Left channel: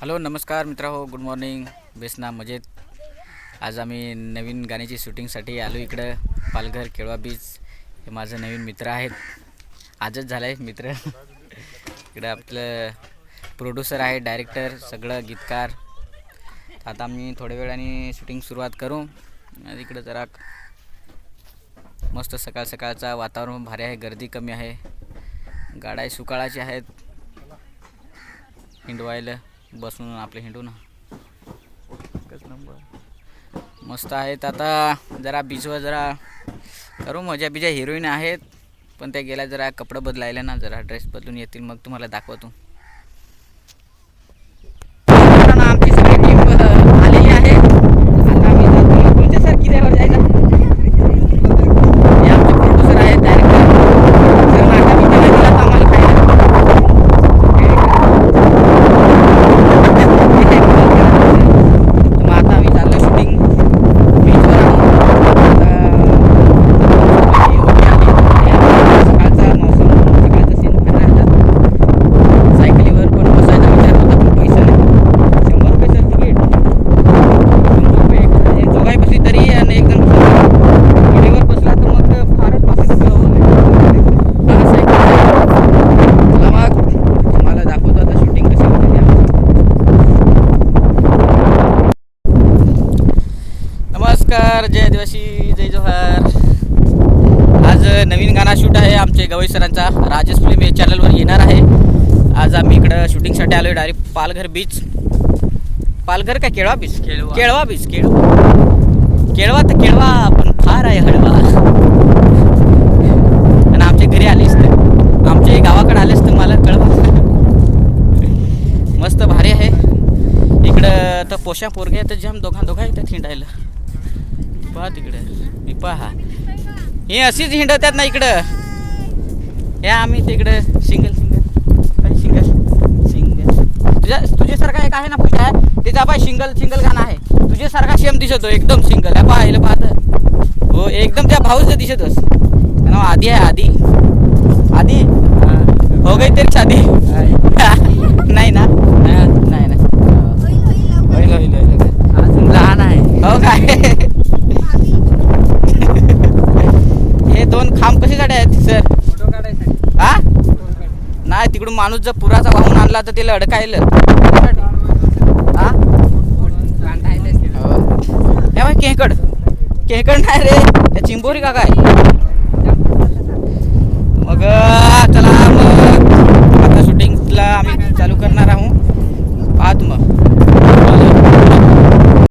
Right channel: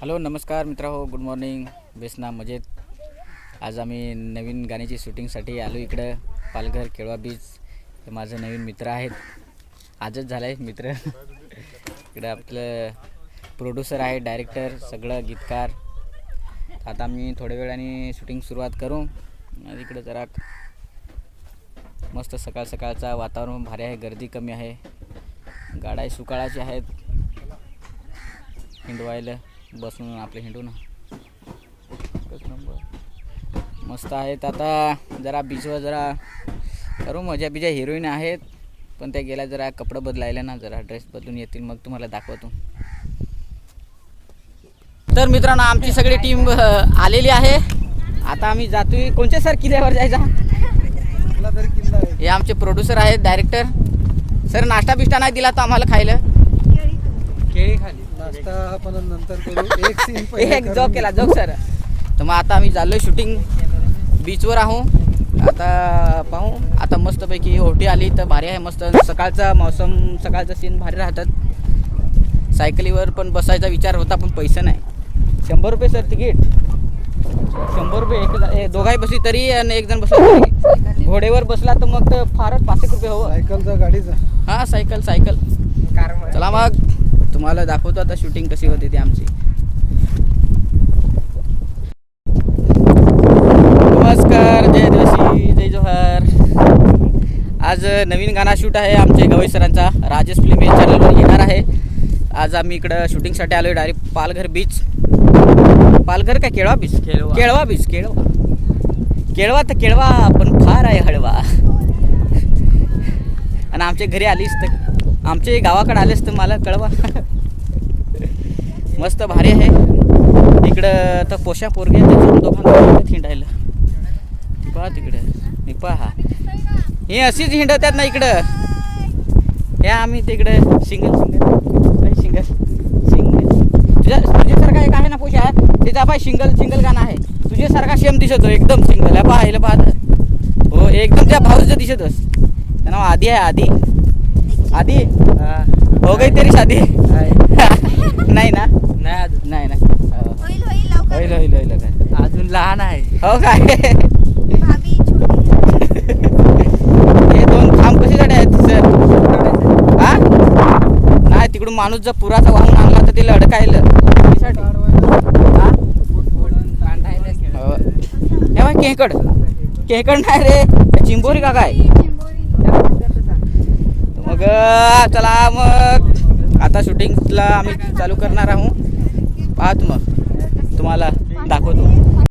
Hello नमस्कार मित्रा हो गुड मॉर्निंग. बेसना मजेत. आज आम्ही नवीन गाण्याची शूटिंगसाठी आलो इकडं पालघर केळवा बीच हे माझं नवीन मित्र आहेत. आजच झालं आहे मित्र. इकडं आपलं प्रोड्युसर आहे डायरेक्टर सगळं गीतकार. आता आम्ही थोड्या वेळाने शूटिंग सुरुवात करू. इकडं जरा मस्त सकाळ सकाळचा वातावरण भारी आहे गर्दी कमी आहे. गाड्या सुकाळाची आहेत. हिंडवायला. बसून आपले हिंडू ना. एकच नंबर. मस्त आहेत आता. जरा बीचवर जरा करू मजा. बिजा हिरोईन आहेत. पण त्या गेल्या जरा कपडे बदलायला ना. जरा ड्रेस बदलून येतील. मग तुम्हाला दाखवतो. तर मित्रांनो आमची सगळी टीम आलेली आहे. आता आम्ही जातो कोणत्या सर किल्ल्यावर जायचा हे आमचे प्रोड्युसर आहेत डायरेक्टर सर नाश्ता बिष्टा नाही दिला तर आम्हाला खायला एक job केला तो सर तर मग आता आम्ही चाललो शूटिंग बीचवर आहोत आता आता मस्तपैकी ओटी आली तर भारी आहे सकाळचा मौसम सकाळचं सीन भारी राहतात सायकलीवर पण बसायचा विचार होता पण पैसा नाही शंभर रुपये सर तिकीट शंभर रुपये एक जण एक दोघाही बसली तरी आणि एक जण बसला घोडेवर बसला तर मग तर फारच रुपये हवं हां. Cycle cycle. चला मग. तुम्हाला दाखवतो आता शूटिंग कशी होते ते आमची. नमस्कार जय दिवशी जय जोहार. आज नवीन गाणा शूट आहे आमचे गवई सरांचा. राजेश फिल्म या चॅनलवर येणार आहे. आज आम्ही इकडं शूटिंगसाठी आलो आहे डायरेक्ट पालघर बीच पालघर का केळवा बीच केळवा. केळवा बीच केळवा. केळवा तर केळवा पण फार आहे हळवा. आणि आमच्या घरी आलीस तर. आमच्या गावाकडे आलेस तर मला कळवा. मस्त भारी आहे. इकडं तर पोशा पोरगे त्याच्या दोघांना हिंडायला पहा तिकडं. मी पहा. हे अशीच हिंडतात ना इकडं. या आम्ही तिकडं सिंगल सिंगल काय सिंगल सिंगल तुझ्या आहे ना पोशा आहे? त्याचा पाय सिंगल सिंगल गाणं आहे. तुझ्यासारखा सेम दिसतो एकदम सिंगल आहे. पाहिलं पाहत हो एकदम त्या भाऊचं दिसतोस नाव आधी आहे आधी आधी हो गई तेरी शादी नाही ना? नाही ना? होईल होईल लवकर. होईल. अजून लहान आहे. हो काय भाभी हे दोन खांब कशासाठी आहेत सर? हा? नाही तिकडून माणूस जर पुराचा वाहून आणला तर त्याला अडकायलं केहकड केहकड नाही रे चिंबोरी का काय मग चला मग. आता शूटिंगला आम्ही चालू करणार आहोत. पाहत मग.